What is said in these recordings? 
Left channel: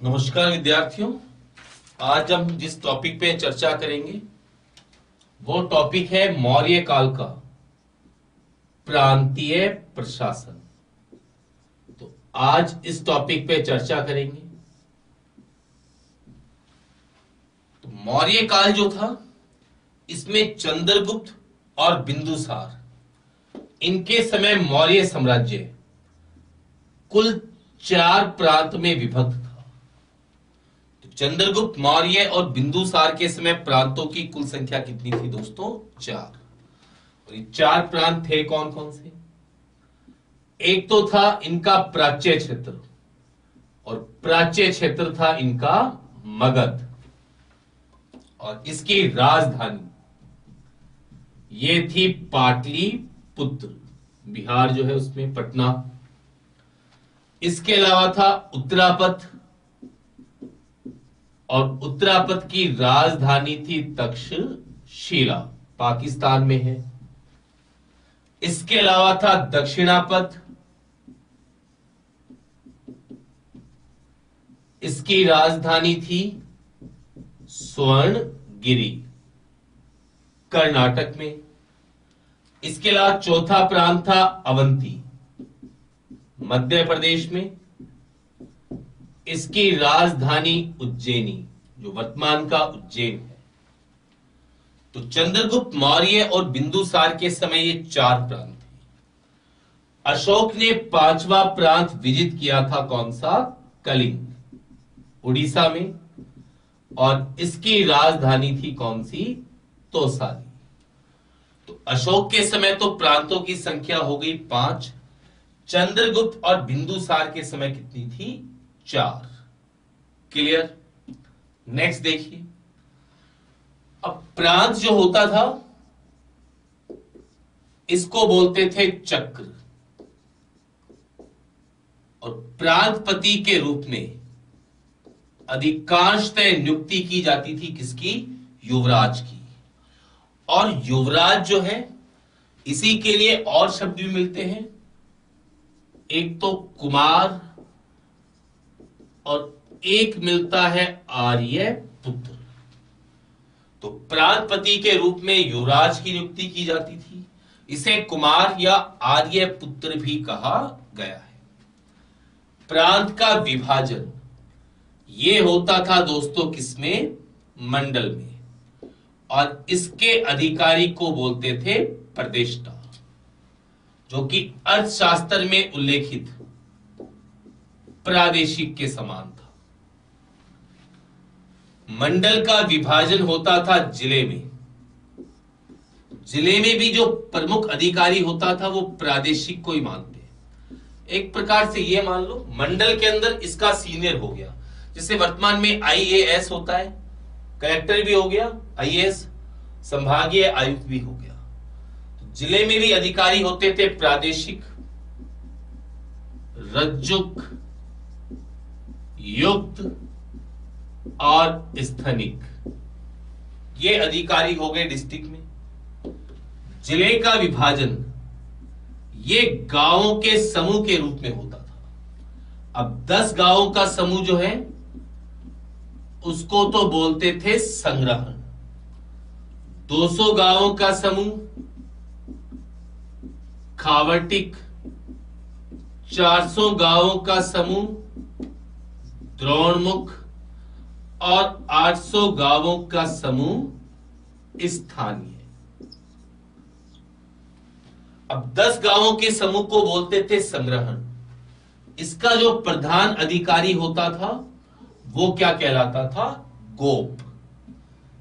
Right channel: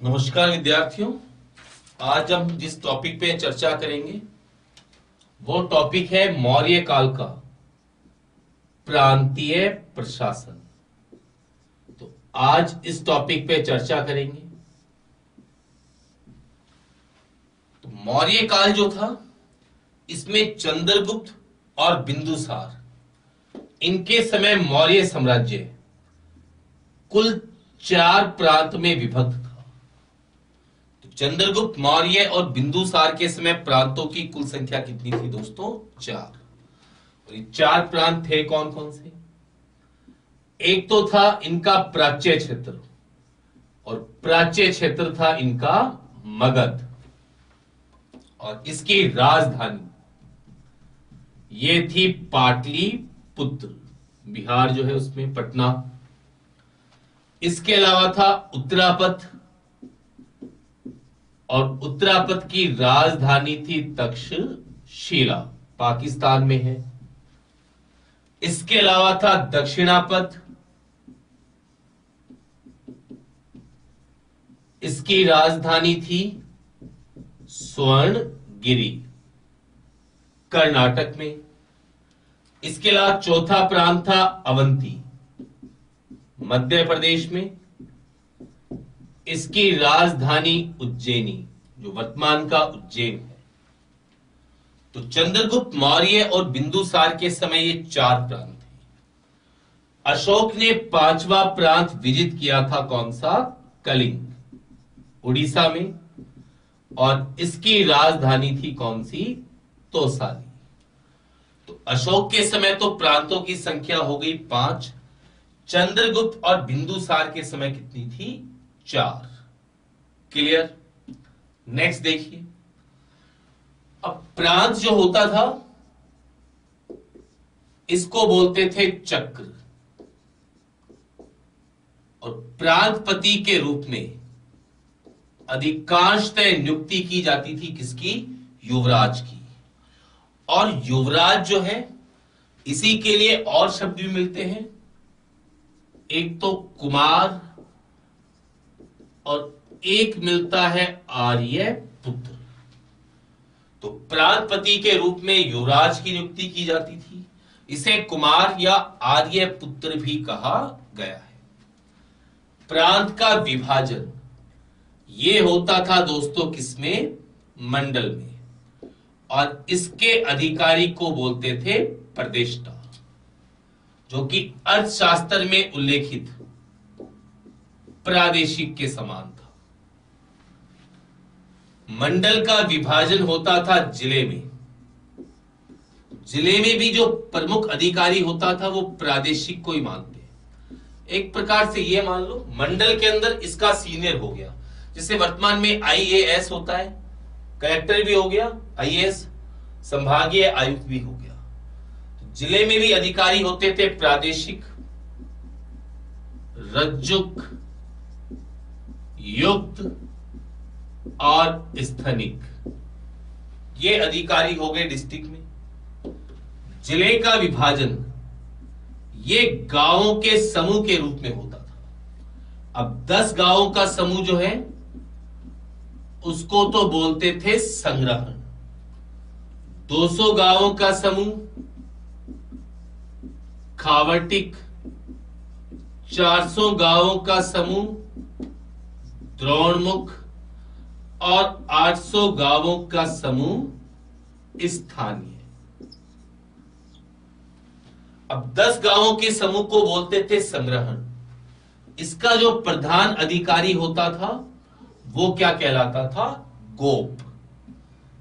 नमस्कार विद्यार्थियों। आज हम जिस टॉपिक पे चर्चा करेंगे वो टॉपिक है मौर्य काल का प्रांतीय प्रशासन। तो आज इस टॉपिक पे चर्चा करेंगे। तो मौर्य काल जो था इसमें चंद्रगुप्त और बिंदुसार इनके समय मौर्य साम्राज्य कुल 4 प्रांत में विभक्त था। तो चंद्रगुप्त मौर्य और बिंदुसार के समय प्रांतों की कुल संख्या कितनी थी दोस्तों? 4। और ये 4 प्रांत थे कौन कौन से? एक तो था इनका प्राच्य क्षेत्र, और प्राच्य क्षेत्र था इनका मगध, और इसकी राजधानी ये थी पाटलिपुत्र, बिहार जो है उसमें पटना। इसके अलावा था उत्तरापथ, और उत्तरापथ की राजधानी थी तक्षशिला, पाकिस्तान में है। इसके अलावा था दक्षिणापथ, इसकी राजधानी थी स्वर्णगिरी, कर्नाटक में। इसके अलावा चौथा प्रांत था अवंती, मध्य प्रदेश में। इसकी राजधानी उज्जैनी, जो वर्तमान का उज्जैन है। तो चंद्रगुप्त मौर्य और बिंदुसार के समय ये 4 प्रांत थे। अशोक ने 5वां प्रांत विजित किया था, कौन सा? कलिंग, उड़ीसा में, और इसकी राजधानी थी कौन सी? तोसाली। तो अशोक के समय तो प्रांतों की संख्या हो गई 5। चंद्रगुप्त और बिंदुसार के समय कितनी थी? 4। क्लियर? नेक्स्ट देखिए। अब प्रांत जो होता था इसको बोलते थे चक्र, और प्रांतपति के रूप में अधिकांशतः नियुक्ति की जाती थी किसकी? युवराज की। और युवराज जो है इसी के लिए और शब्द भी मिलते हैं, एक तो कुमार और एक मिलता है आर्य पुत्र। तो प्रांतपति के रूप में युवराज की नियुक्ति की जाती थी, इसे कुमार या आर्य पुत्र भी कहा गया है। प्रांत का विभाजन ये होता था दोस्तों किसमें? मंडल में, और इसके अधिकारी को बोलते थे प्रदेष्टा, जो कि अर्थशास्त्र में उल्लेखित प्रादेशिक के समान था। मंडल का विभाजन होता था जिले में। जिले में भी जो प्रमुख अधिकारी होता था वो प्रादेशिक को ही मानते हैं। एक प्रकार से ये मान लो मंडल के अंदर इसका सीनियर हो गया, जैसे वर्तमान में आईएएस होता है, कलेक्टर भी हो गया, आईएएस संभागीय आयुक्त भी हो गया। तो जिले में भी अधिकारी होते थे प्रादेशिक, रज्जुक, युक्त और स्थानिक। ये अधिकारी हो गए डिस्ट्रिक्ट में। जिले का विभाजन ये गांवों के समूह के रूप में होता था। अब 10 गांवों का समूह जो है उसको तो बोलते थे संग्रहण। 200 गांवों का समूह खावर्टिक, 400 गांवों का समूह द्रोणमुख, और 800 गांवों का समूह स्थानीय। अब 10 गांवों के समूह को बोलते थे संग्रहण। इसका जो प्रधान अधिकारी होता था वो क्या कहलाता था? गोप।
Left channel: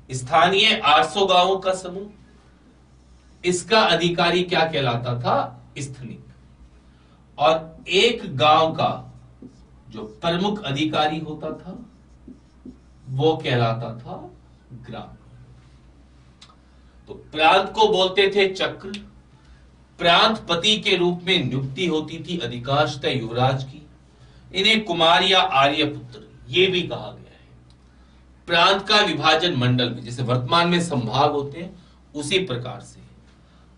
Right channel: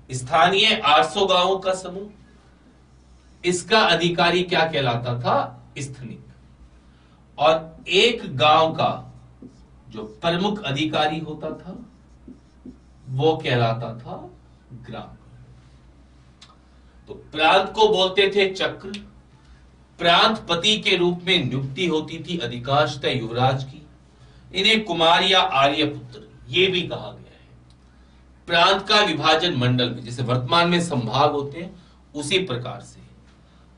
स्थानीय 800 गांवों का समूह, इसका अधिकारी क्या कहलाता था? स्थानिक। और एक गांव का जो प्रमुख अधिकारी होता था वो कहलाता था ग्राम। तो प्रांत को बोलते थे चक्र। प्रांतपति के रूप में नियुक्ति होती थी अधिकांशतः युवराज की। इन्हें कुमार या आर्य पुत्र ये भी कहा गया है। प्रांत का विभाजन मंडल में, जैसे वर्तमान में संभाग होते हैं उसी प्रकार से।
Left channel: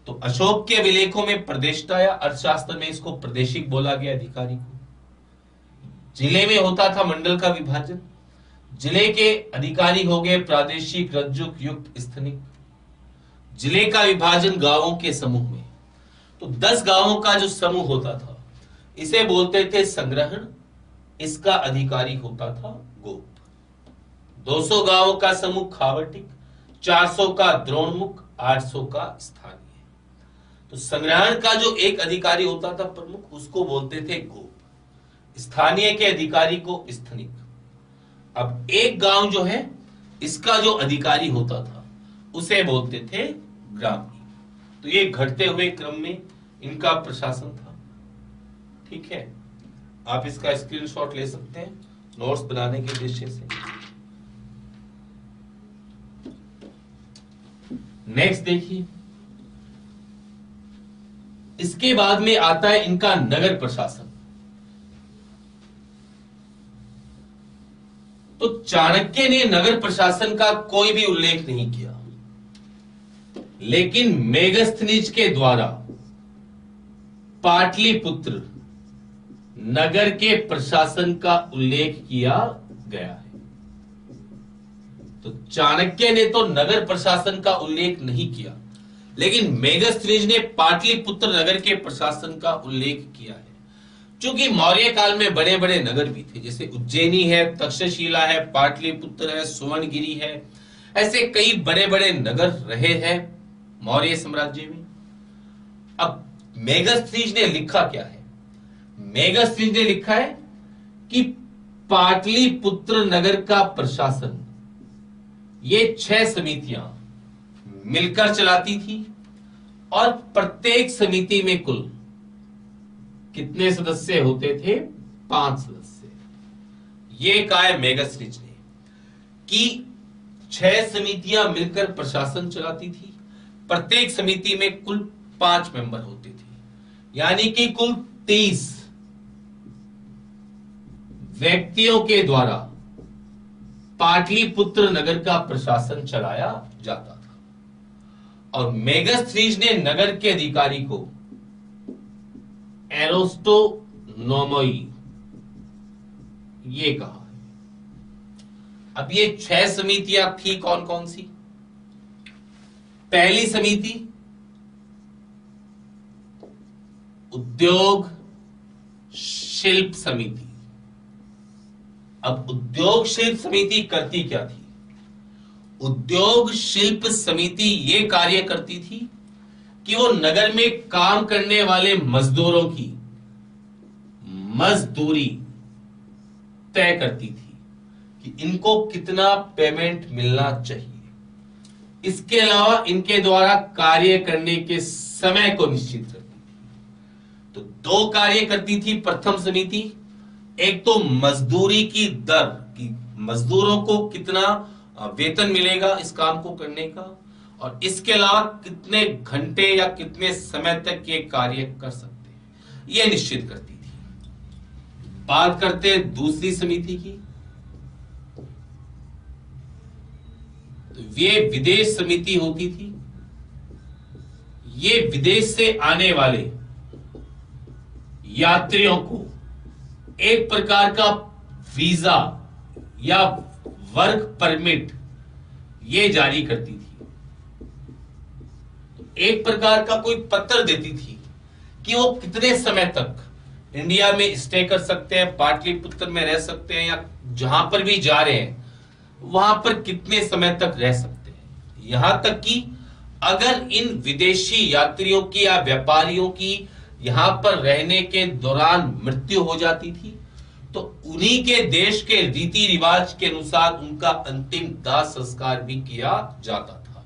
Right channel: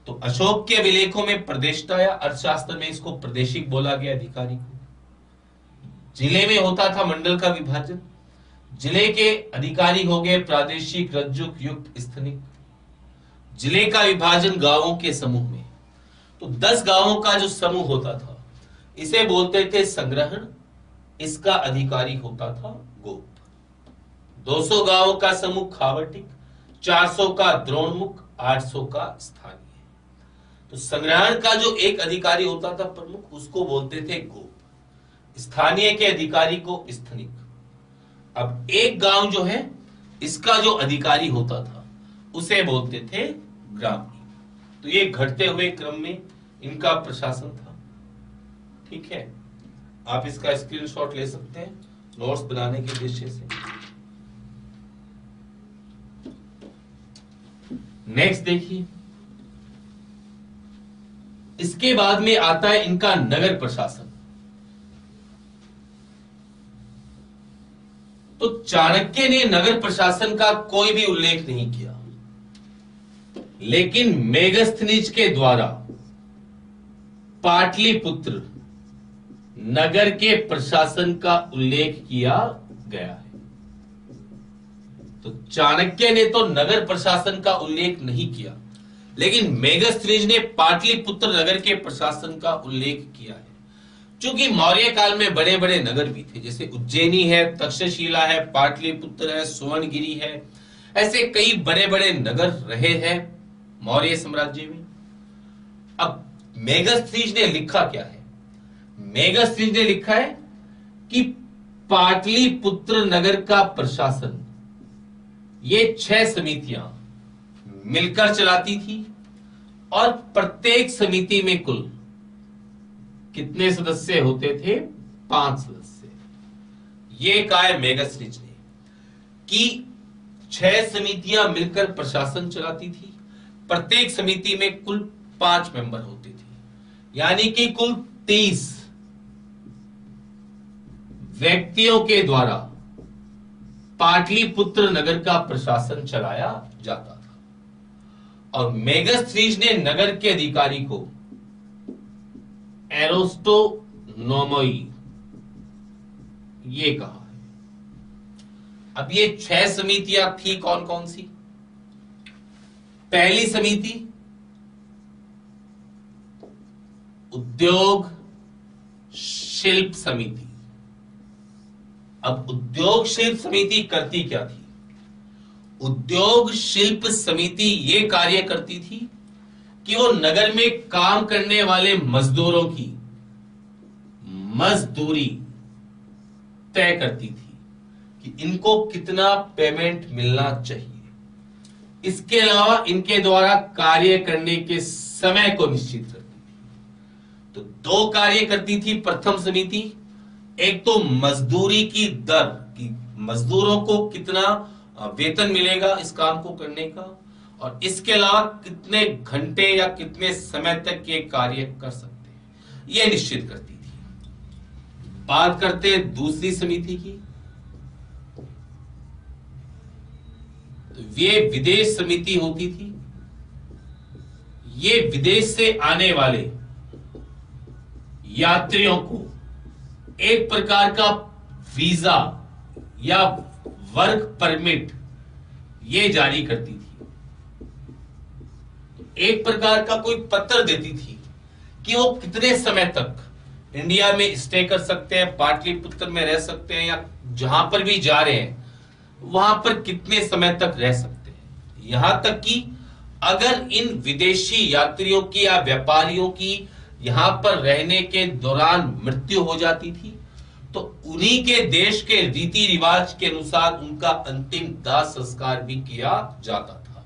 तो अशोक के अभिलेखों में प्रदेष्टा या अर्थशास्त्र में इसको प्रादेशिक बोला गया अधिकारी को। जिले में होता था मंडल का विभाजन। जिले के अधिकारी हो गए प्रादेशिक रज्जुक युक्त स्थनिक। जिले का विभाजन गांवों के समूह में। तो 10 गांवों का जो समूह होता था इसे बोलते थे संग्रहण। इसका अधिकारी होता था गोप। 200 गांवों का समूह खावटिक, 400 का द्रोणमुख, 800 का स्थानीय। तो संग्रहण का जो एक अधिकारी होता था प्रमुख, उसको बोलते थे गोप। स्थानीय के अधिकारी को स्थनिक। अब एक गांव जो है इसका जो अधिकारी होता था उसे बोलते थे ग्रामीण। तो ये घटते हुए क्रम में इनका प्रशासन था। ठीक है, आप इसका स्क्रीनशॉट ले सकते हैं नोट्स बनाने के उद्देश्य से। नेक्स्ट देखिए, इसके बाद में आता है इनका नगर प्रशासन। तो चाणक्य ने नगर प्रशासन का कोई भी उल्लेख नहीं किया, लेकिन मेगस्थनीज के द्वारा पाटलिपुत्र नगर के प्रशासन का उल्लेख किया गया है। तो चाणक्य ने तो नगर प्रशासन का उल्लेख नहीं किया, लेकिन मेगस्थनीज ने पाटलिपुत्र नगर के प्रशासन का उल्लेख किया है। चूंकि मौर्य काल में बड़े बड़े नगर भी थे, जैसे उज्जैनी है, तक्षशिला है, पाटलिपुत्र है, सुवर्णगिरी है, ऐसे कई बड़े बड़े नगर रहे हैं मौर्य साम्राज्य में। अब मेगस्थनीज ने लिखा क्या है? मेगस्थनीज ने लिखा है कि पाटलिपुत्र नगर का प्रशासन ये 6 समितियां मिलकर चलाती थी और प्रत्येक समिति में कुल कितने सदस्य होते थे? 5 सदस्य। ये कहा है मेगस्थनीज ने कि 6 समितियां मिलकर प्रशासन चलाती थी, प्रत्येक समिति में कुल 5 मेंबर होते थे, यानी कि कुल 30 व्यक्तियों के द्वारा पाटलिपुत्र नगर का प्रशासन चलाया जाता था। और मेगस्थनीज ने नगर के अधिकारी को एरोस्टोनोमोई ये कहा है। अब ये 6 समितियां थी कौन कौन सी? पहली समिति उद्योग शिल्प समिति। अब उद्योग शिल्प समिति करती क्या थी? उद्योग शिल्प समिति ये कार्य करती थी कि वो नगर में काम करने वाले मजदूरों की मजदूरी तय करती थी कि इनको कितना पेमेंट मिलना चाहिए। इसके अलावा इनके द्वारा कार्य करने के समय को निश्चित करती थी। तो 2 कार्य करती थी प्रथम समिति। एक तो मजदूरी की दर, कि मजदूरों को कितना वेतन मिलेगा इस काम को करने का, और इसके अलावा कितने घंटे या कितने समय तक ये कार्य कर सकते हैं, ये निश्चित करती थी। बात करते हैं दूसरी समिति की, तो ये विदेश समिति होती थी। ये विदेश से आने वाले यात्रियों को एक प्रकार का वीजा या वर्क परमिट ये जारी करती थी। तो एक प्रकार का कोई पत्र देती थी कि वो कितने समय तक इंडिया में स्टे कर सकते हैं, पाटलिपुत्र में रह सकते हैं, या जहां पर भी जा रहे हैं वहां पर कितने समय तक रह सकते हैं। यहां तक कि अगर इन विदेशी यात्रियों की या व्यापारियों की यहां पर रहने के दौरान मृत्यु हो जाती थी तो उन्हीं के देश के रीति रिवाज के अनुसार उनका अंतिम दाह संस्कार भी किया जाता था।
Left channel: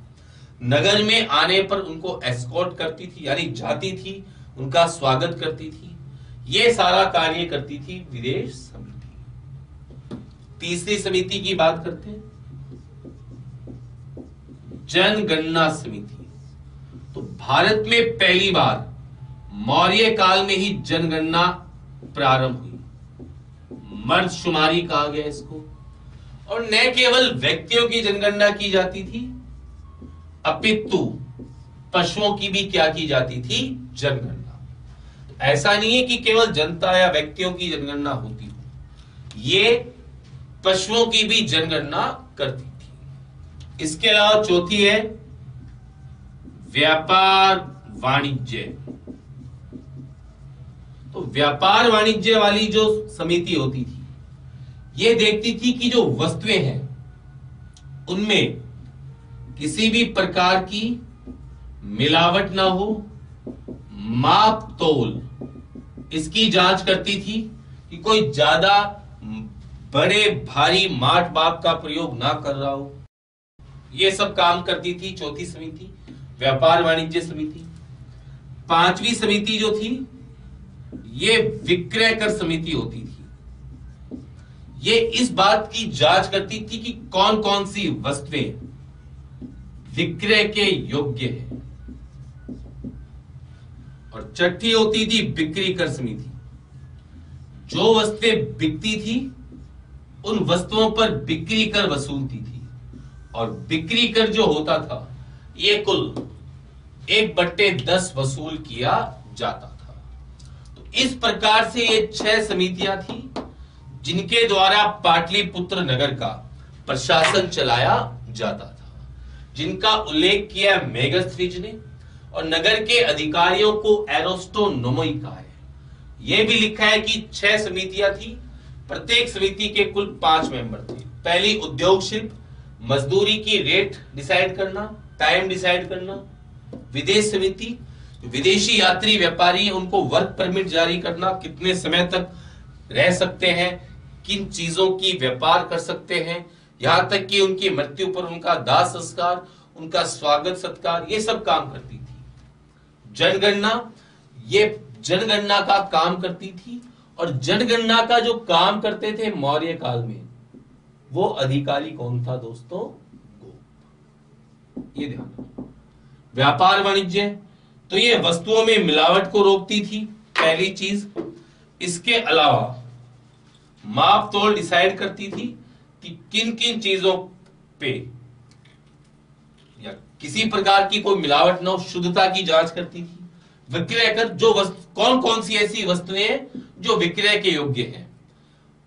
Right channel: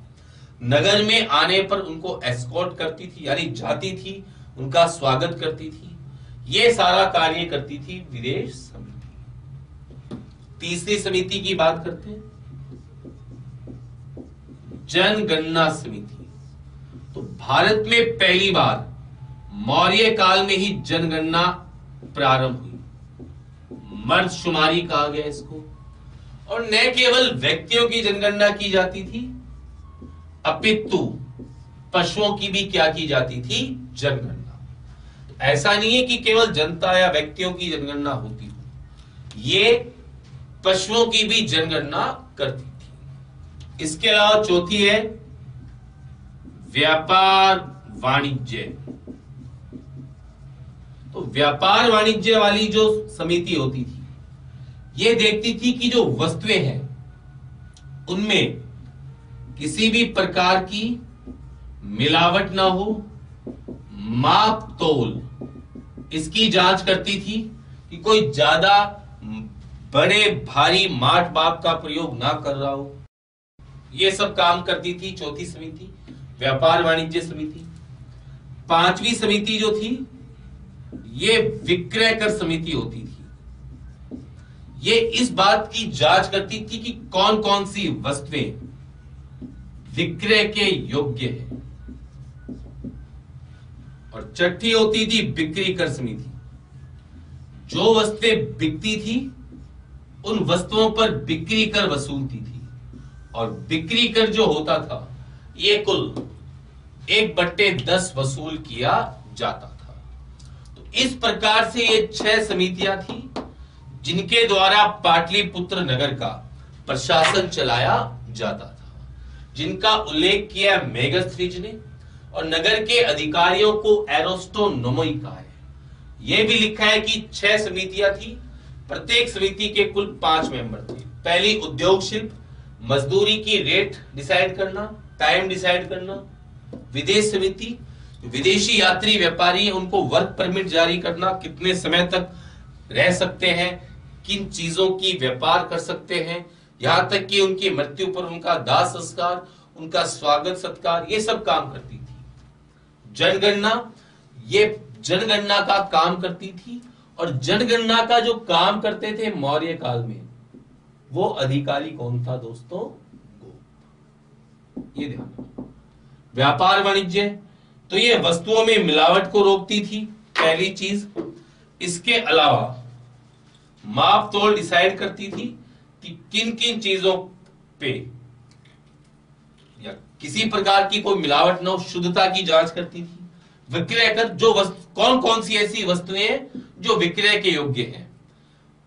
नगर में आने पर उनको एस्कॉर्ट करती थी, यानी जाती थी, उनका स्वागत करती थी। ये सारा कार्य करती थी विदेश समिति। तीसरी समिति की बात करते हैं, जनगणना समिति। तो भारत में पहली बार मौर्य काल में ही जनगणना प्रारंभ हुई। मर्दशुमारी कहा गया इसको। और न केवल व्यक्तियों की जनगणना की जाती थी, अपितु पशुओं की भी क्या की जाती थी? जनगणना। तो ऐसा नहीं है कि केवल जनता या व्यक्तियों की जनगणना होती हो, ये पशुओं की भी जनगणना करती थी। इसके अलावा चौथी है व्यापार वाणिज्य। तो व्यापार वाणिज्य वाली जो समिति होती थी, ये देखती थी कि जो वस्तुएं हैं उनमें किसी भी प्रकार की मिलावट ना हो, माप तोल इसकी जांच करती थी कि कोई ज्यादा बड़े भारी माट माप का प्रयोग ना कर रहा हो। ये सब काम करती थी चौथी समिति, व्यापार वाणिज्य समिति। पांचवी समिति जो थी, ये विक्रय कर समिति होती थी। ये इस बात की जांच करती थी कि कौन कौन सी वस्तुएं विक्रय के योग्य है। और छठी होती थी बिक्री कर समिति। जो वस्तुएं बिकती थी उन वस्तुओं पर बिक्री कर वसूलती थी। और बिक्री कर जो होता था, ये कुल 1/10 वसूल किया जाता था। तो इस प्रकार से ये 6 समितियां थी जिनके द्वारा पाटलिपुत्र नगर का प्रशासन चलाया जाता था, जिनका उल्लेख किया मेगस्थनीज ने। और नगर के अधिकारियों को एरोस्टोनोमोई कहा है। यह भी लिखा है कि 6 समितियां थी, प्रत्येक समिति के कुल 5 मेंबर थे। पहली उद्योग शिल्प, मजदूरी की रेट डिसाइड करना, टाइम डिसाइड करना। विदेश समिति, विदेशी यात्री व्यापारी उनको वर्क परमिट जारी करना, कितने समय तक रह सकते हैं, किन चीजों की व्यापार कर सकते हैं, यहां तक कि उनकी मृत्यु पर उनका दाह संस्कार, उनका स्वागत सत्कार, ये सब काम करती थी। जनगणना, ये जनगणना का काम करती थी। और जनगणना का जो काम करते थे मौर्य काल में, वो अधिकारी कौन था दोस्तों? गोप। ये ध्यान रखो। व्यापार वाणिज्य, तो ये वस्तुओं में मिलावट को रोकती थी, पहली चीज। इसके अलावा माप तोल डिसाइड करती थी कि किन किन चीजों पे या किसी प्रकार की कोई मिलावट न हो, शुद्धता की जांच करती थी। विक्रय कर, जो कौन कौन सी ऐसी वस्तुएं हैं जो विक्रय के योग्य हैं।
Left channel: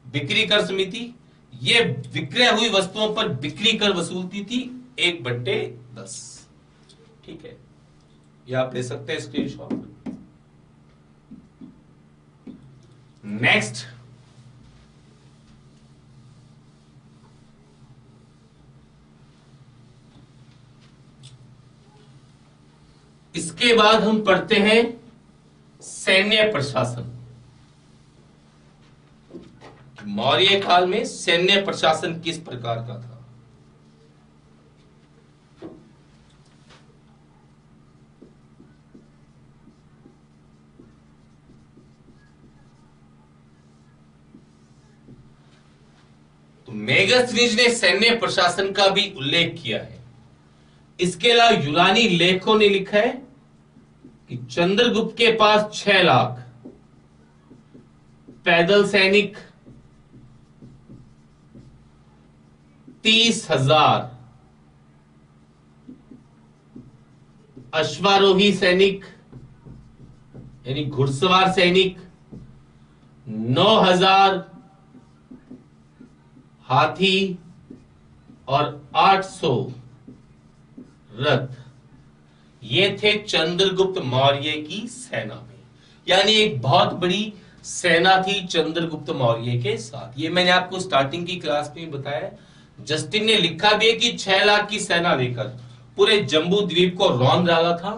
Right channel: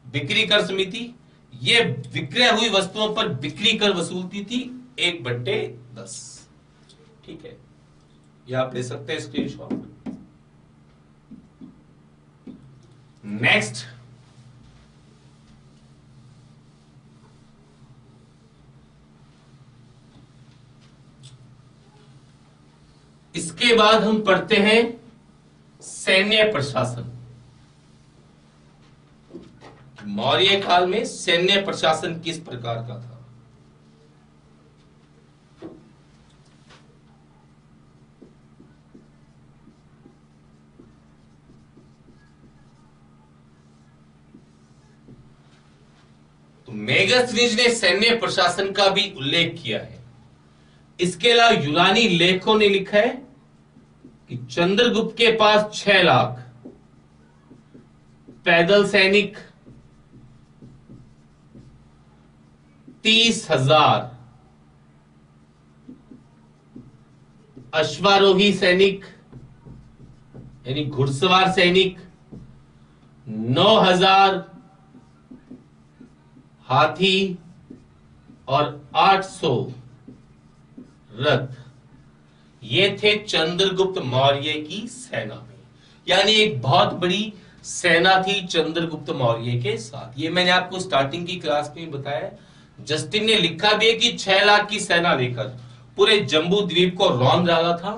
बिक्री कर समिति, ये विक्रय हुई वस्तुओं पर बिक्री कर वसूलती थी 1/10। ठीक है, यह आप ले सकते हैं स्क्रीनशॉट। नेक्स्ट, इसके बाद हम पढ़ते हैं सैन्य प्रशासन। मौर्य काल में सैन्य प्रशासन किस प्रकार का था। तो मेगस्थनीज ने सैन्य प्रशासन का भी उल्लेख किया है। इसके अलावा यूनानी लेखों ने लिखा है कि चंद्रगुप्त के पास 6 लाख पैदल सैनिक, 30,000 अश्वारोही सैनिक यानी घुड़सवार सैनिक, 9,000 हाथी और 800 रथ, ये थे चंद्रगुप्त मौर्य की सेना में। यानी एक बहुत बड़ी सेना थी चंद्रगुप्त मौर्य के साथ। ये मैंने आपको स्टार्टिंग की क्लास में बताया। जस्टिन ने लिखा भी है कि 6 लाख की सेना लेकर पूरे जम्बू द्वीप को रौंद डाला था।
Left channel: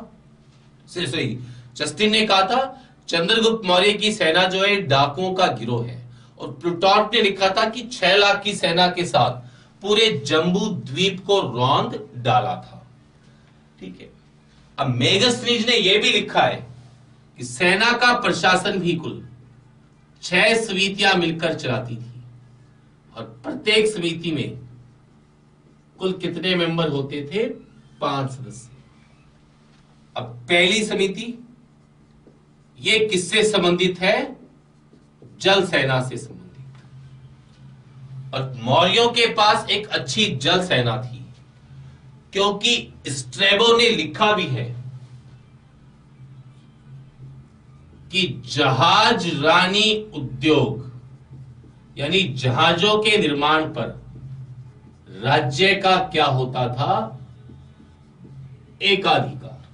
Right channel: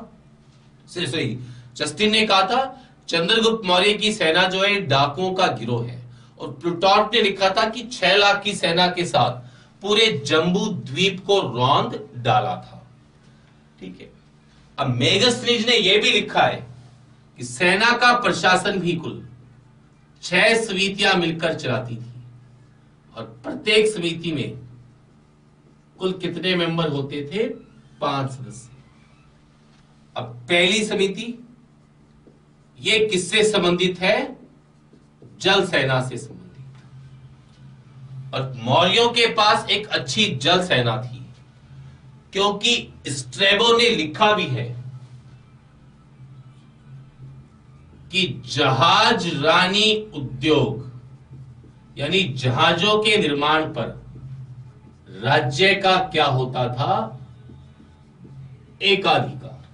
सही, जस्टिन ने कहा था चंद्रगुप्त मौर्य की सेना जो है डाकुओं का गिरोह है। और प्लूटार्क ने लिखा था कि 6 लाख की सेना के साथ पूरे जम्बू द्वीप को रौंद डाला था। ठीक है, अब मेगस्थनीज ने यह भी लिखा है कि सेना का प्रशासन भी कुल 6 समितियां मिलकर चलाती थी। और प्रत्येक समिति में कुल कितने मेंबर होते थे? 5 सदस्य। अब पहली समिति, ये किससे संबंधित है? जल सेना से संबंधित। और मौर्यों के पास एक अच्छी जल सेना थी, क्योंकि स्ट्रैबो ने लिखा भी है कि जहाज रानी उद्योग यानी जहाजों के निर्माण पर राज्य का क्या होता था? एकाधिकार।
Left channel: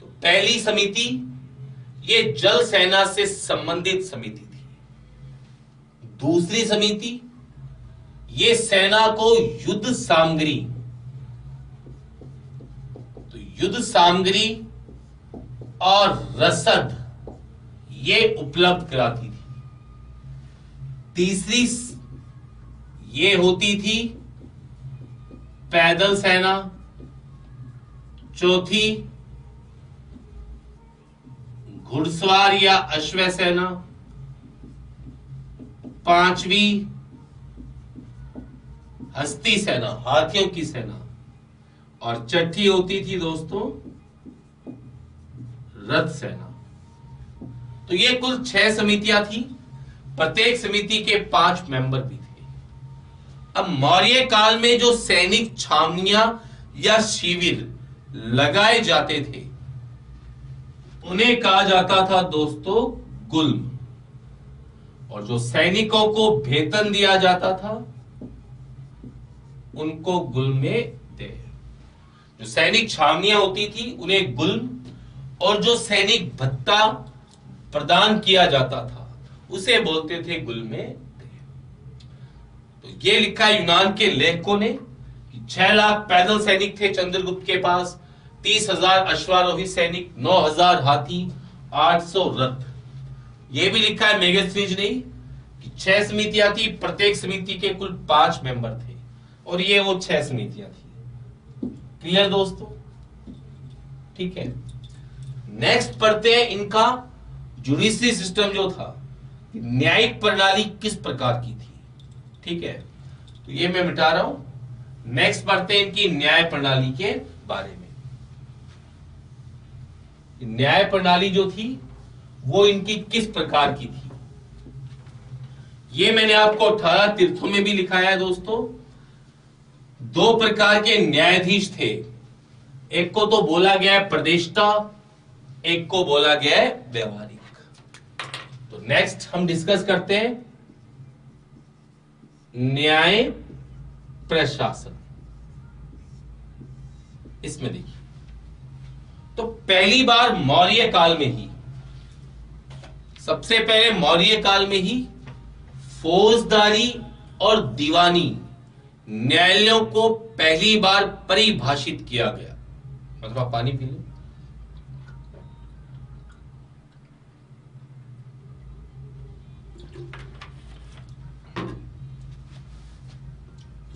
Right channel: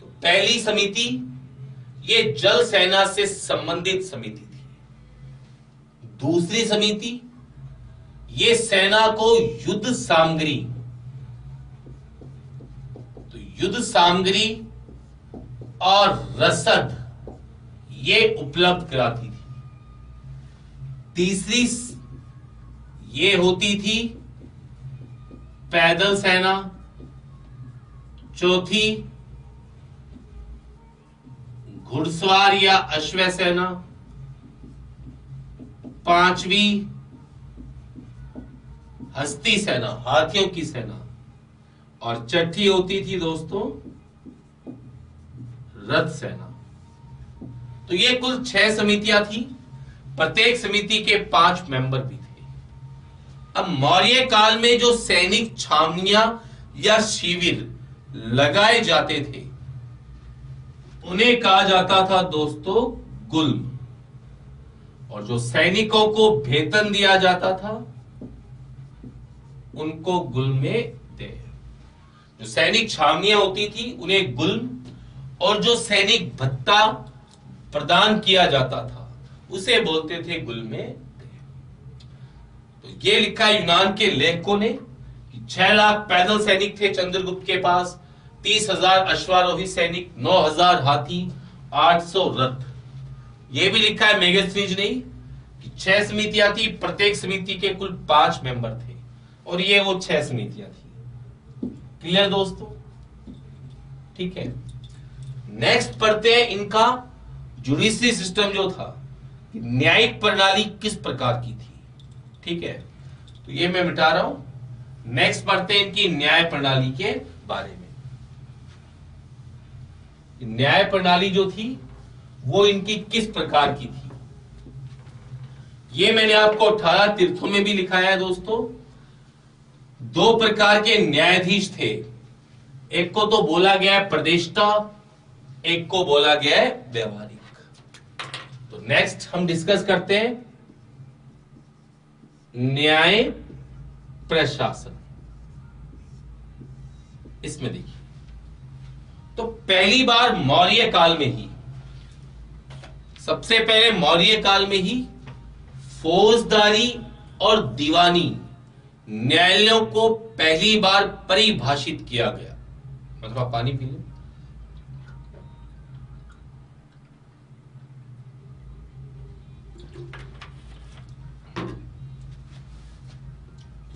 तो पहली समिति ये जल सेना से संबंधित समिति थी। दूसरी समिति ये सेना को युद्ध सामग्री, तो युद्ध सामग्री और रसद ये उपलब्ध कराती थी। तीसरी ये होती थी पैदल सेना। चौथी घुड़सवार या अश्व सेना। पांचवी हस्ती सेना, हाथियों की सेना। और छठी होती थी दोस्तों रथ सेना। तो ये कुल 6 समितियां थी। प्रत्येक समिति के 5 मेंबर भी थे। अब मौर्य काल में जो सैनिक छावनियां या शिविर लगाए जाते थे उन्हें कहा जाता था दोस्तों गुल्म। और जो सैनिकों को वेतन दिया जाता था उनको गुल्मे दे। जो सैनिक छावनियां होती थी उन्हें गुल्म, और जो सैनिक भत्ता प्रदान किया जाता था उसे बोलते थे गुल्मे दे। तो ये लिखा यूनान के लेखकों ने कि 6 लाख पैदल सैनिक थे चंद्रगुप्त के पास, 30,000 अश्वारोही सैनिक, 9,000 हाथी, 800 रथ। ये भी लिखा है मेगस्थनीज ने कि 6 समितियां थी, प्रत्येक समिति के कुल 5 मेंबर थे, और ये वो 6 समितियां थी। क्लियर दोस्तों? ठीक है। नेक्स्ट पढ़ते हैं इनका जुडिशरी सिस्टम जो था, न्यायिक प्रणाली किस प्रकार की थी। ठीक है, तो ये मैं मिटा रहा हूं। नेक्स्ट पढ़ते हैं इनकी न्याय प्रणाली के बारे में। न्याय प्रणाली जो थी वो इनकी किस प्रकार की थी, ये मैंने आपको 18 तीर्थों में भी लिखाया है दोस्तों। 2 प्रकार के न्यायाधीश थे। एक को तो बोला गया है प्रदेष्टा, एक को बोला गया है व्यवहारिक। तो नेक्स्ट हम डिस्कस करते हैं न्याय प्रशासन। इसमें देखिए, तो पहली बार मौर्य काल में ही, सबसे पहले मौर्य काल में ही फौजदारी और दीवानी न्यायालयों को पहली बार परिभाषित किया गया। मतलब आप पानी पी लें।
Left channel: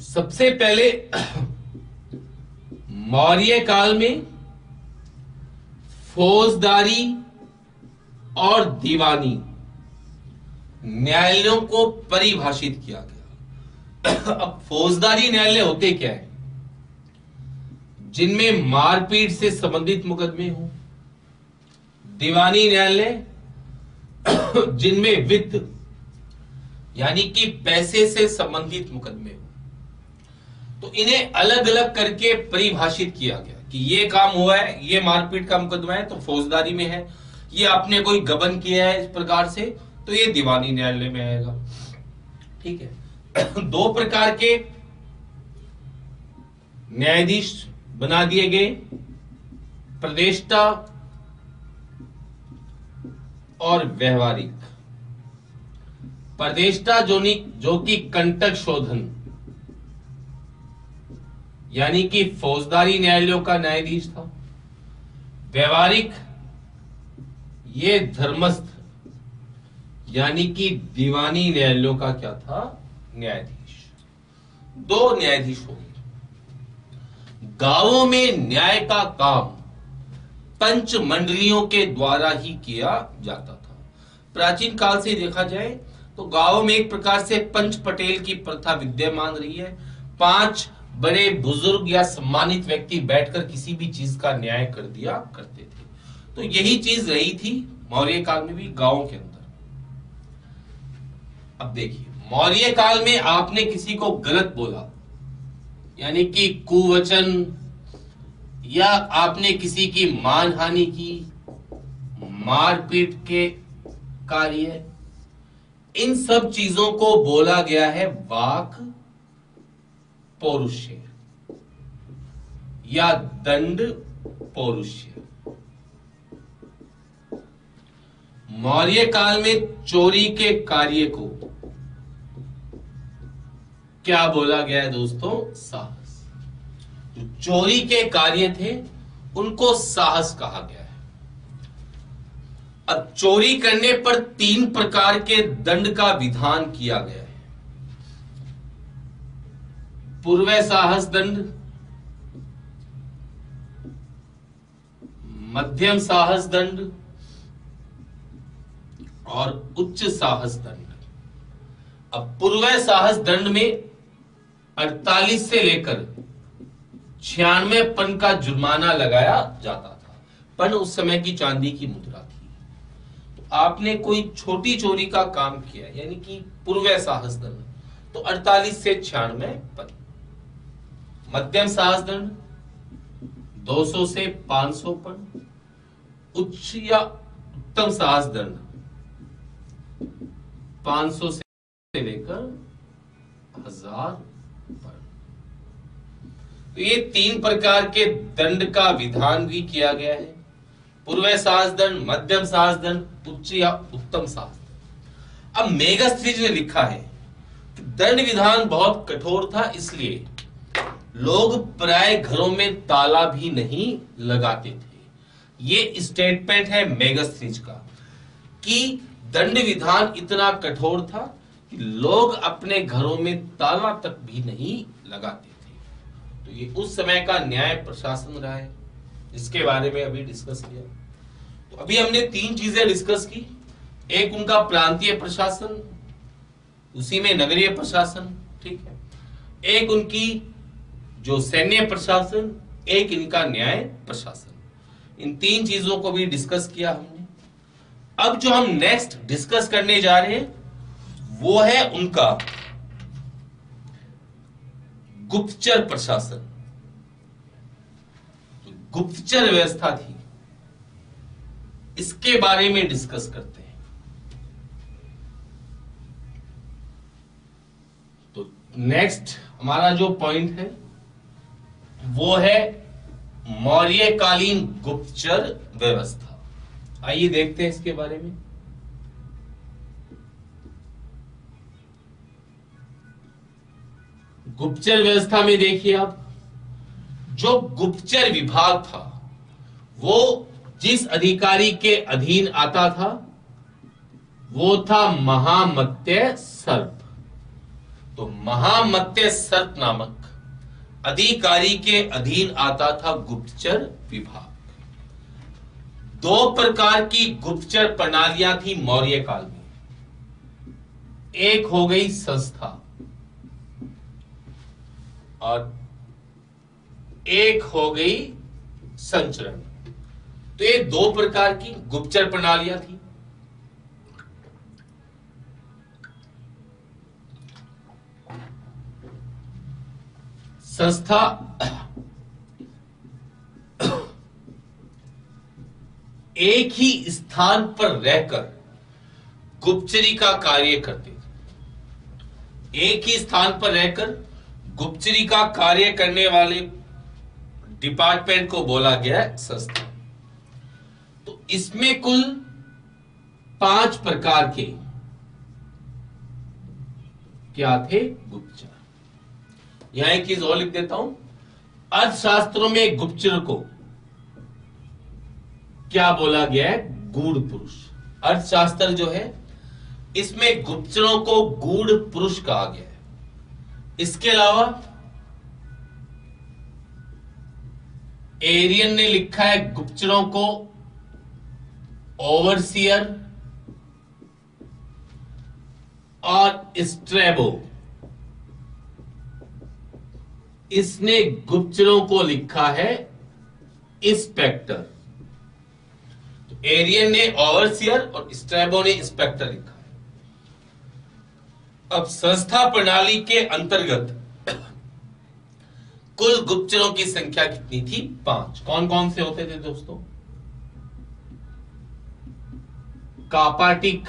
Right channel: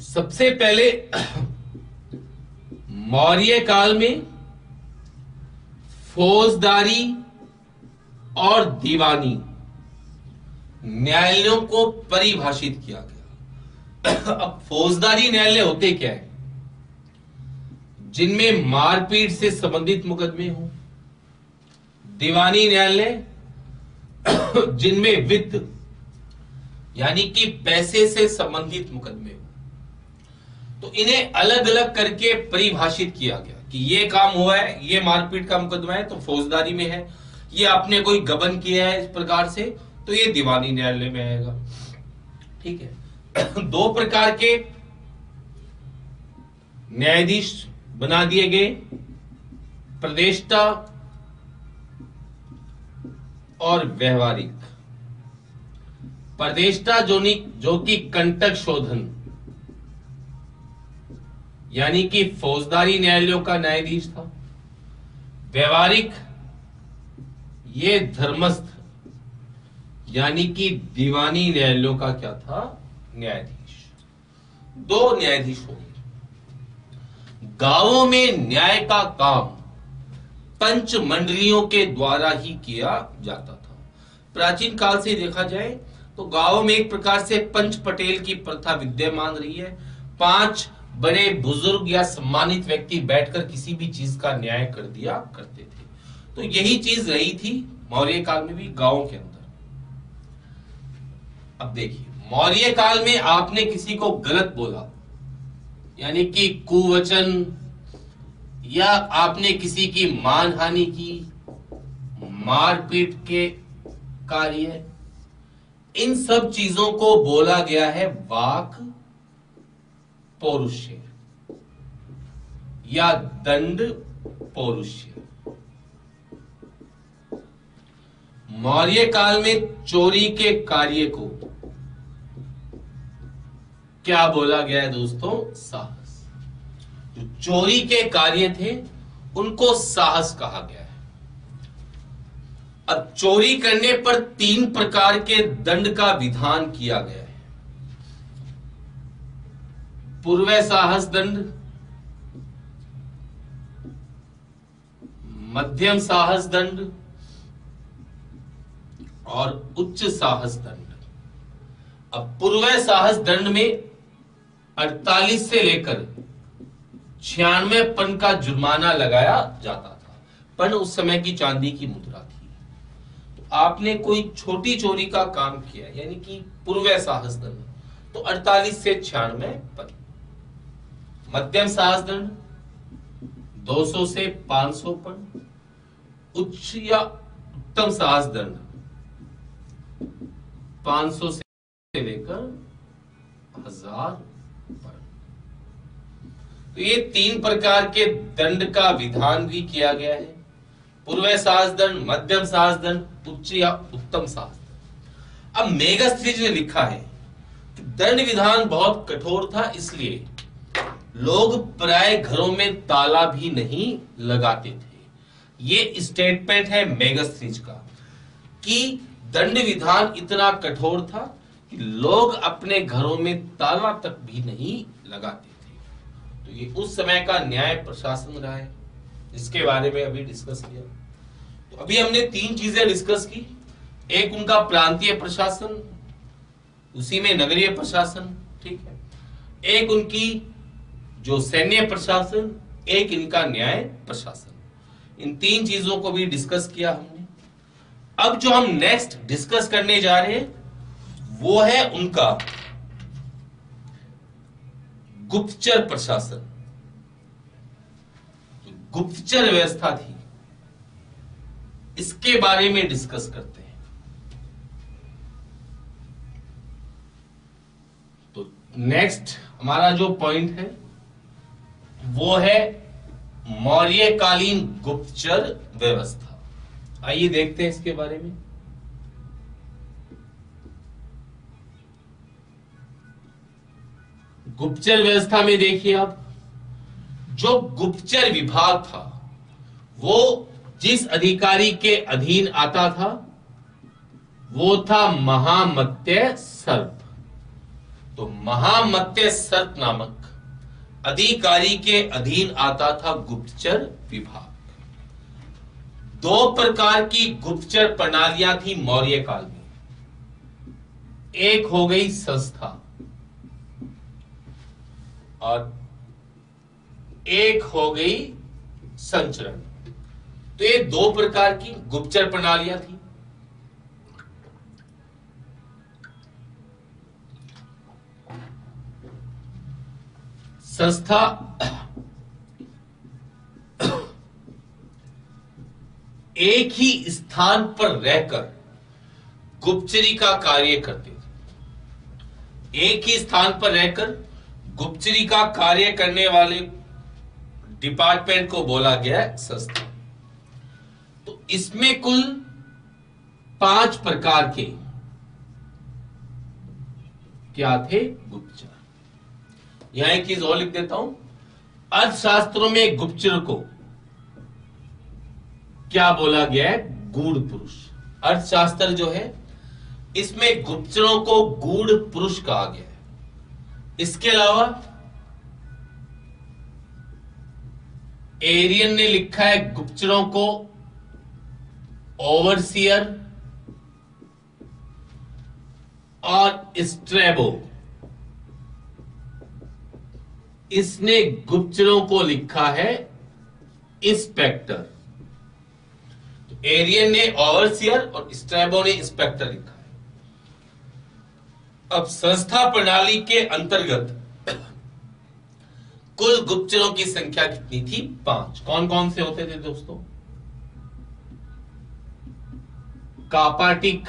सबसे पहले मौर्य काल में फौजदारी और दीवानी न्यायालयों को परिभाषित किया गया। अब फौजदारी न्यायालय होते क्या है? जिनमें मारपीट से संबंधित मुकदमे हो। दीवानी न्यायालय जिनमें वित्त यानी कि पैसे से संबंधित मुकदमे हो। तो इन्हें अलग अलग करके परिभाषित किया गया कि ये काम हुआ है, ये मारपीट का मुकदमा है तो फौजदारी में है, ये आपने कोई गबन किया है इस प्रकार से तो ये दीवानी न्यायालय में आएगा। ठीक है। 2 प्रकार के न्यायाधीश बना दिए गए, प्रदेष्टा और व्यवहारिक। प्रदेष्टा जो कि कंटक शोधन यानी कि फौजदारी न्यायालयों का न्यायाधीश था। व्यवहारिक ये धर्मस्थ यानी कि दीवानी न्यायालयों का क्या था? न्यायाधीश। 2 न्यायाधीश हो गए। गांवों में न्याय का काम पंच मंडलियों के द्वारा ही किया जाता था। प्राचीन काल से देखा जाए तो गांवों में एक प्रकार से पंच पटेल की प्रथा विद्यमान रही है। 5 बड़े बुजुर्ग या सम्मानित व्यक्ति बैठकर किसी भी चीज का न्याय कर दिया करते थे। तो यही चीज रही थी मौर्य काल में भी गांवों के अंदर। अब देखिए, मौर्य काल में आपने किसी को गलत बोला यानी कि कुवचन, या आपने किसी की मानहानि की, मारपीट के कार्य, इन सब चीजों को बोला गया है वाक पौरुषे या दंड पौरुषे। मौर्य काल में चोरी के कार्य को क्या बोला गया है दोस्तों? साहस। जो चोरी के कार्य थे उनको साहस कहा गया है। अब चोरी करने पर 3 प्रकार के दंड का विधान किया गया है। पूर्व साहस दंड, मध्यम साहस दंड और उच्च साहस दंड। अब पूर्व साहस दंड में 48 से लेकर 96 पन का जुर्माना लगाया जाता था। पन उस समय की चांदी की मुद्रा थी। तो आपने कोई छोटी चोरी का काम किया यानी कि पूर्व साहस दंड, तो 48 से 96 पन। मध्यम साहस दंड 200 से 500 पन। उच्च या उत्तम साहस दंड 500 से लेकर 1000 पन। तो ये 3 प्रकार के दंड का विधान भी किया गया है। पूर्व साहस दंड, मध्यम साहस दंड, उच्च या उत्तम साहस दंड। अब मेगास्त्रीज ने लिखा है कि दंड विधान बहुत कठोर था, इसलिए लोग प्राय घरों में ताला भी नहीं लगाते थे। ये स्टेटमेंट है मेगास्त्रीज का कि दंड विधान इतना कठोर था कि लोग अपने घरों में ताला तक भी नहीं लगाते थे। तो ये उस समय का न्याय प्रशासन रहा है, जिसके बारे में अभी डिस्कस किया। तो अभी हमने 3 चीजें डिस्कस की। एक उनका प्रांतीय प्रशासन, उसी में नगरीय प्रशासन, ठीक है। एक उनकी जो सैन्य प्रशासन, एक इनका न्याय प्रशासन। इन 3 चीजों को भी डिस्कस किया हमने। अब जो हम नेक्स्ट डिस्कस करने जा रहे हैं वो है उनका गुप्तचर प्रशासन। जो गुप्तचर व्यवस्था थी इसके बारे में डिस्कस करते हैं। तो नेक्स्ट हमारा जो पॉइंट है वो है मौर्यकालीन गुप्तचर व्यवस्था। आइए देखते हैं इसके बारे में। गुप्तचर व्यवस्था में देखिए आप, जो गुप्तचर विभाग था वो जिस अधिकारी के अधीन आता था वो था महामत्स्य सर्प। तो महामत्स्य सर्प नामक अधिकारी के अधीन आता था गुप्तचर विभाग। 2 प्रकार की गुप्तचर प्रणालियां थी मौर्य काल में। एक हो गई संस्था और एक हो गई संचरण। तो ये 2 प्रकार की गुप्तचर प्रणालियां थी। संस्था एक ही स्थान पर रहकर गुप्तचरी का कार्य करते थे। एक ही स्थान पर रहकर गुप्तचरी का कार्य करने वाले डिपार्टमेंट को बोला गया है संस्था। तो इसमें कुल 5 प्रकार के क्या थे? गुप्तचर। यहां एक चीज और लिख देता हूं। अर्थशास्त्रों में गुप्तचर को क्या बोला गया है? गूढ़ पुरुष। अर्थशास्त्र जो है इसमें गुप्तचरों को गूढ़ पुरुष कहा गया है। इसके अलावा एरियन ने लिखा है गुप्तचरों को ओवरसियर और स्ट्रेबो। इसने गुप्तचरों को लिखा है इंस्पेक्टर। तो एरियन ने ओवरसियर और स्ट्रेबो ने इंस्पेक्टर लिखा है। अब संस्था प्रणाली के अंतर्गत कुल गुप्तचरों की संख्या कितनी थी? 5। कौन कौन से होते थे दोस्तों? कापाटिक,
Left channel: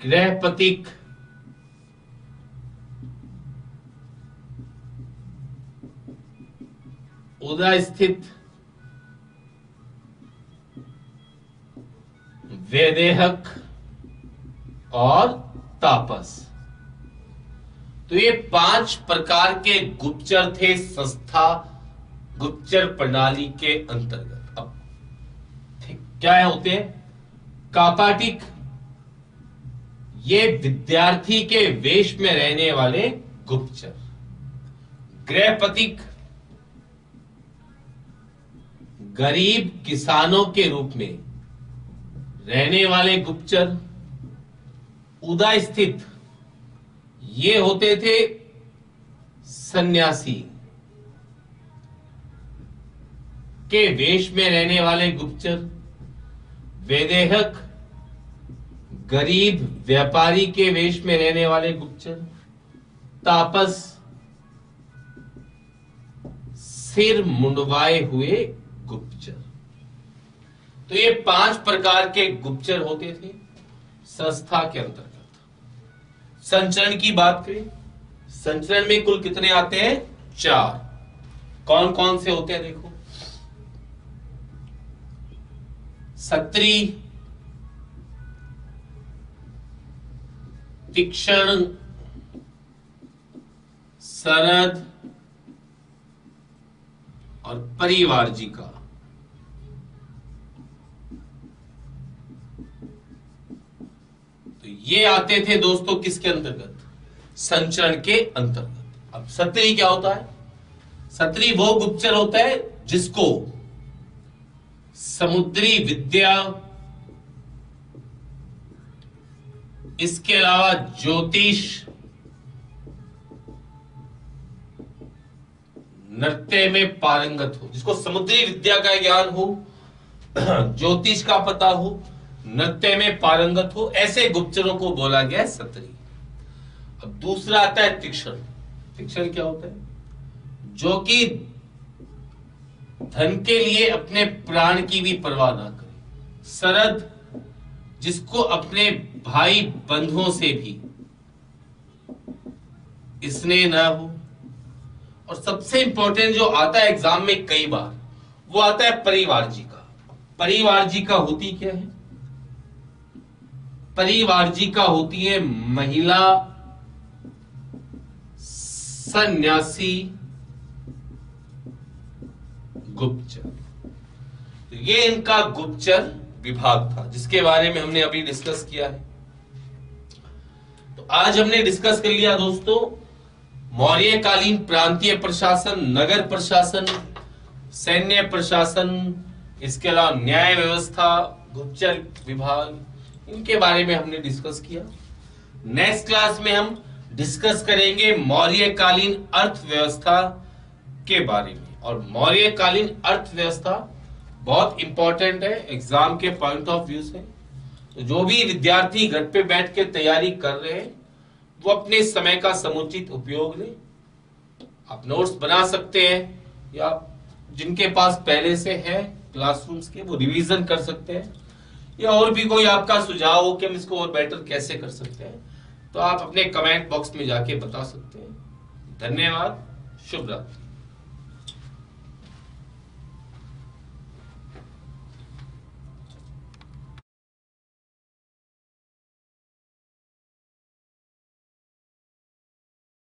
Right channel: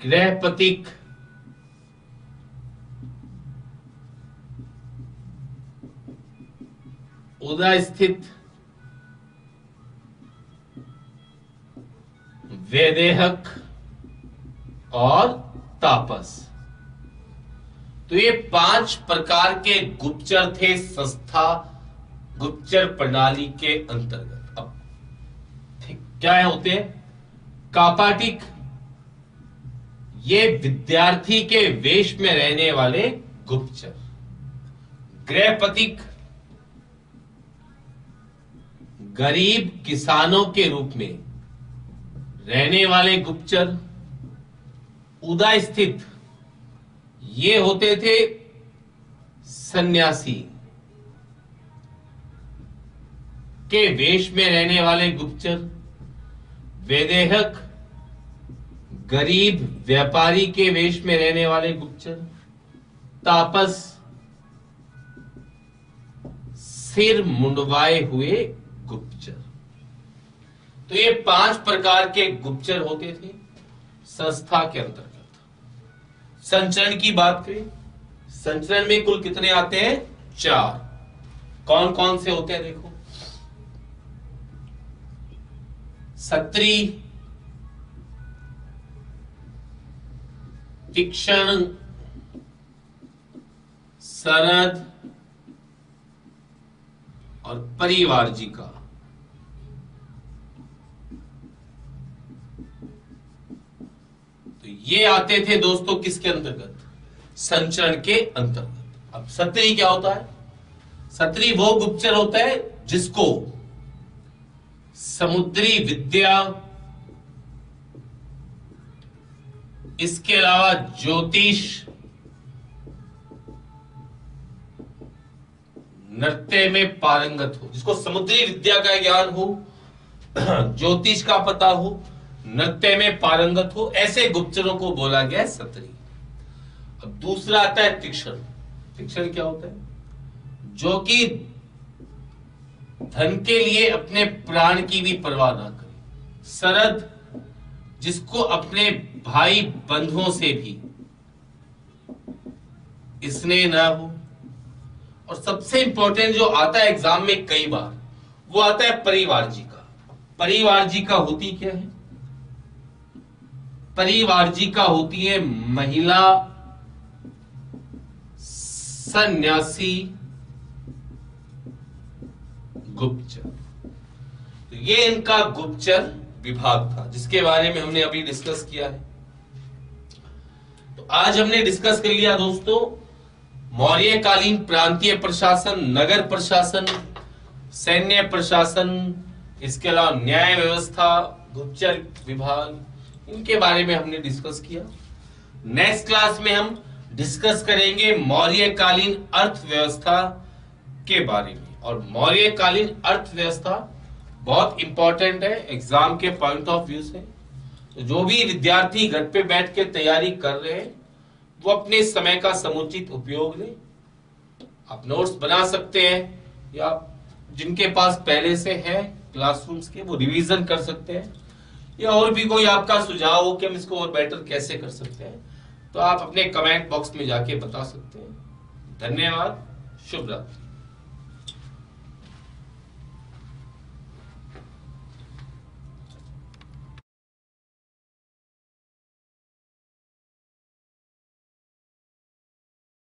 गृहपतिक उदय स्थित वैदेहक और तापस। तो ये 5 प्रकार के गुप्तचर थे संस्था गुप्तचर प्रणाली के अंतर्गत। अब क्या होते हैं? कापाटिक, ये विद्यार्थी के वेश में रहने वाले गुप्तचर। गृहपतिक, गरीब किसानों के रूप में रहने वाले गुप्तचर। उदय स्थित, ये होते थे सन्यासी के वेश में रहने वाले गुप्तचर। वैदेहक, गरीब व्यापारी के वेश में रहने वाले गुप्तचर। तापस, सिर मुंडवाए हुए गुप्तचर। तो ये 5 प्रकार के गुप्तचर होते थे संस्था के अंतर्गत। संचरण की बात करें, संचरण में कुल कितने आते हैं? 4। कौन कौन से होते हैं देखो। सत्री, तीक्ष्ण, सरद और परिवारजिका। तो ये आते थे दोस्तों किसके अंतर्गत? संचरण के अंतर्गत। अब सत्री क्या होता है? सत्री वो गुप्तचर होता है जिसको समुद्री विद्या, इसके अलावा ज्योतिष, नृत्य में पारंगत हो, जिसको समुद्री विद्या का ज्ञान हो, ज्योतिष का पता हो, नृत्य में पारंगत हो, ऐसे गुप्तचरों को बोला गया है सत्री। अब दूसरा आता है तीक्ष्ण। तीक्ष्ण क्या होता है? जो कि धन के लिए अपने प्राण की भी परवाह ना करे। सरद, जिसको अपने भाई बंधुओं से भी स्नेह ना हो। और सबसे इंपॉर्टेंट जो आता है एग्जाम में कई बार, वो आता है परिवारजिका। परिवारजिका होती क्या है? परिवारजिका होती है महिला सन्यासी गुप्तचर। तो ये इनका गुप्तचर विभाग था जिसके बारे में हमने अभी डिस्कस किया है। तो आज हमने डिस्कस कर लिया दोस्तों मौर्यकालीन प्रांतीय प्रशासन, नगर प्रशासन, सैन्य प्रशासन, इसके अलावा न्याय व्यवस्था, गुप्तचर विभाग, इनके बारे में हमने डिस्कस किया। नेक्स्ट क्लास में हम डिस्कस करेंगे मौर्यकालीन अर्थव्यवस्था के बारे में। और मौर्यकालीन अर्थव्यवस्था बहुत इंपॉर्टेंट है एग्जाम के पॉइंट ऑफ व्यू से। तो जो भी विद्यार्थी घर पे बैठ के तैयारी कर रहे हैं वो अपने समय का समुचित उपयोग लें। आप नोट्स बना सकते हैं या जिनके पास पहले से है क्लासरूम्स के वो रिवीजन कर सकते हैं, या और भी कोई आपका सुझाव हो कि हम इसको और बेटर कैसे कर सकते हैं तो आप अपने कमेंट बॉक्स में जाके बता सकते हैं। धन्यवाद, शुभ रात्रि।